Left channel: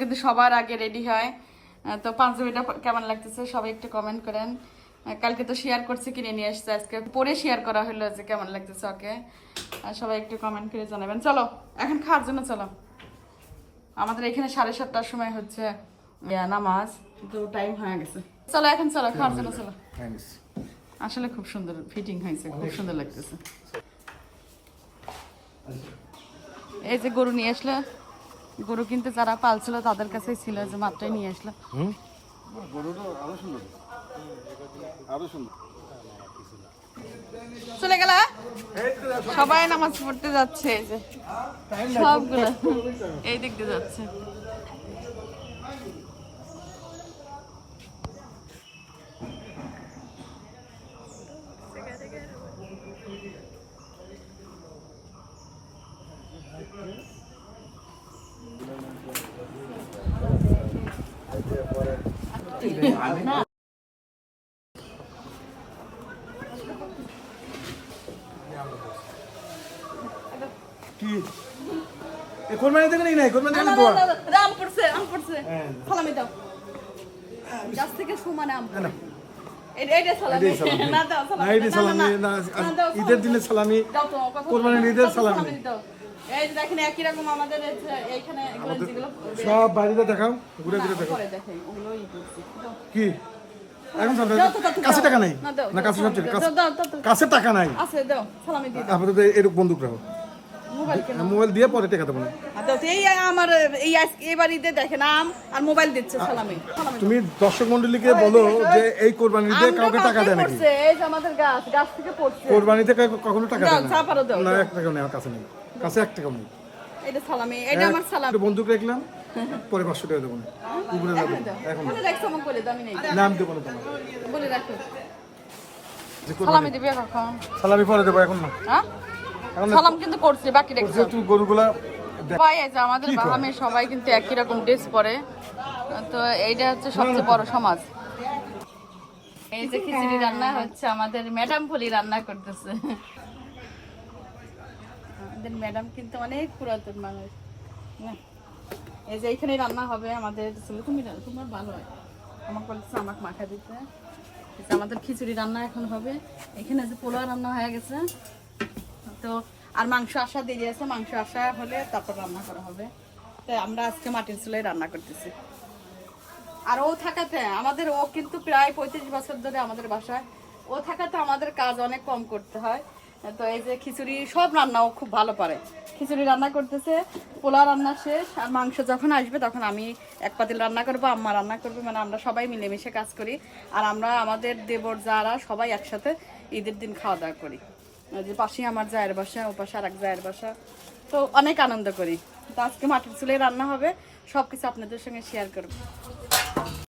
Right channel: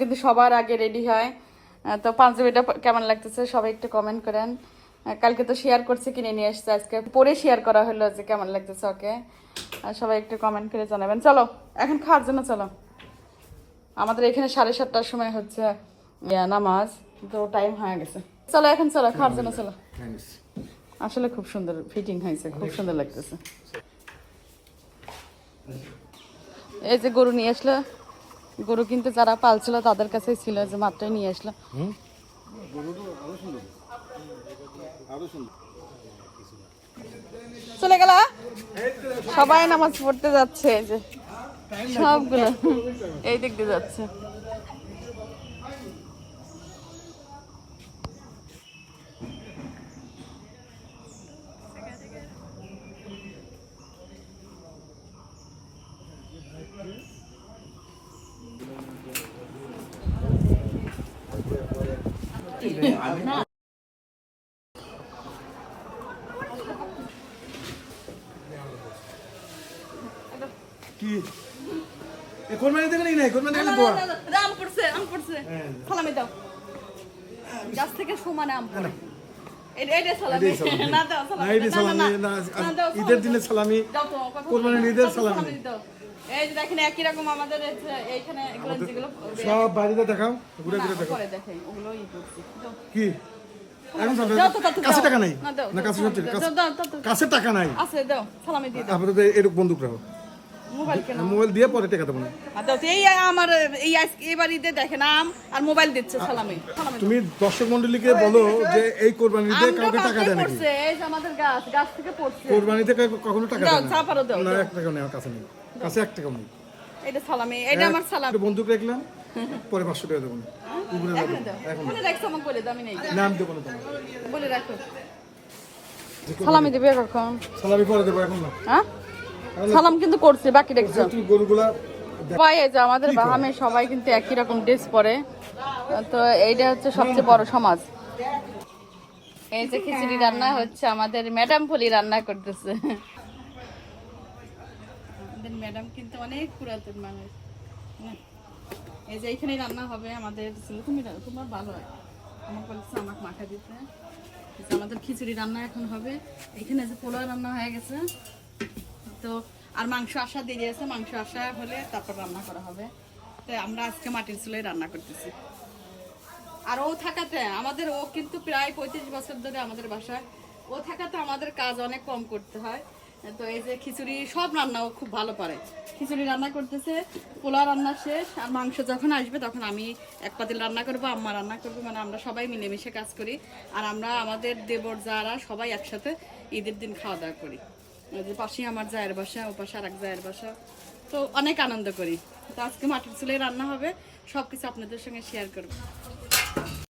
কিন্তু সবার আগে রেডি হয়। তো পাঞ্জাবিটা কেমন লাগতেছে? সবাই একটু কমেন্ট করেন। কালকে তো শেয়ার করছে কিনে নিয়ে আসছে। আজকে পরে শেয়ার করা হলো যে কেমন লাগতেছে ওকে। সবাই একটু কমেন্ট করে জানাবেন। চলো এখন খাওয়ার জন্য চলো। আমাদের এখানে সাড়ে সাতটার সময় হচ্ছে নামাজ তো টাইম হয়ে গেছে। চলো এখন চলো খাওয়ার জন্য চলো। আসলে খুব সুন্দর ফিটিং হয়েছে খুব সুন্দর। লাগতেছে। এই যে গরু নিয়ে আসলো। গরু কিন্তু যারা পালছিল তাদের কাছে ছিল যে মাত্রই নিয়ে আসলো। চলে গেল সবাই নামাজ পড়তে যাচ্ছে। এই যে এই দিক দিয়ে যাচ্ছে। কি? এ কোরবানি থেকে নাকি নাই? কোরবানি থেকে দোয়া আম পড়ছে আম পড়ছে। সালামি দাও। গাছ থেকে সমান আম। না ঈদের দিনে দাও। সালামি, তো, কোরবানির ঈদের সালামি। এই যে দেখেন একই রকম আমাদের এই এইখানে এগুলো যেগুলো সব বাড়িতে দেখাও ঘুরে ঘুরে দেখাও। পরে দেখাই ওগুলো ই করছি কি? এখন সব কাছে টাকা নাই? না, কাছে সব টাকা নাই? আছে দাও সালামি দিয়ে দাও। আপাতত এরকম বন্দুক রাখো। মোবাইল দিয়ে পরে টাকা দেবো না আর এই আমার এই এবার ঈদে দেখেন আম আর মোবাইল দিচ্ছে সালামি। তুমি দর্শক মন্ডলীকে বলো যে এই কোরবানিতে আমটা কাউকে টাকা দেয় নাকি এই যে আমাদের গাছ গাছ থেকে পড়ছে। কখনো টাকা দেয় না দাও, না এক টাকা নেই আমার কাছে নেই। কাছে এক টাকাও নেই। এটা সালামি এটা আমার সালাম। একটু বন্দুক রাখলাম পরে পাঁচশো টাকা দেবো না। উপরে এখন বলে রাখছো আমাকে বলে দাও আমি নেই। নাম দেবো না তোমার বলে রাখো। যে কোরবানি সালামি পরে দেবো এখন না। হ্যাঁ? সালাম কিন্তু করছে বাকি তুমি গরুগুলা যে আমাদের সবাই কিন্তু একই রকম ড্রেস পরে। তো এইটা হচ্ছে সবচেয়ে বড় সমাজ। এই যে খিচুড়ি রান্না হচ্ছে আমাদের ম্যাডাম ফলি রান্না করতেছে। আমাদের ম্যাডাম কিন্তু অনেক পুরাতন মানুষ। না। এই যে এইখানে রান্না হবে আমাদের ছেলে তুমি তোমার ভালো হয়। আমাকে বলছে আমাকে মাখা দিতে। আমাদের খিচুড়ি রান্না এখন হবে। এখানে যে পোলাও রান্না হয়ে গেছে তো আর মাংস আসা দেরি আছে, মাংস আসা হলে তারপর রান্না করা হবে। তো আমরা আজকে মাটির চুলায় রান্না করতেছি। আর ও থাকাতে আমাদের ও কিন্তু প্রায় পঁয়ত্রিশ বছর ধরে আমাদের বাসায়। ও থাকাতে আমাদের কাজ অনেক কম করতে হয়। তো এই যে খিচুড়ি, সব রান্না ও খুব ভালো পারে। খিচুড়ি রান্না করতেছে পোলা রান্না শেষ, আর মাংস যখন আসবে তখন আমি এক পাতিল রান্না করব, আম্মা রান্না করবে মানে আমরা সবাই মিলেমিশে কাজ করি। আর আমরা, আমাদের দেবর, যারা সবাই একসাথে ঈদের দিন খাওয়া দাওয়া করি। যে পাশেই আমার জায়ের বাসা, ও পাশে আর এক জায়ের বাসা। তো অনেক আনন্দ করি। তো আজকে মাটির চুলে রান্না হবে সব কিছু আপনাদের সঙ্গে শেয়ার করব।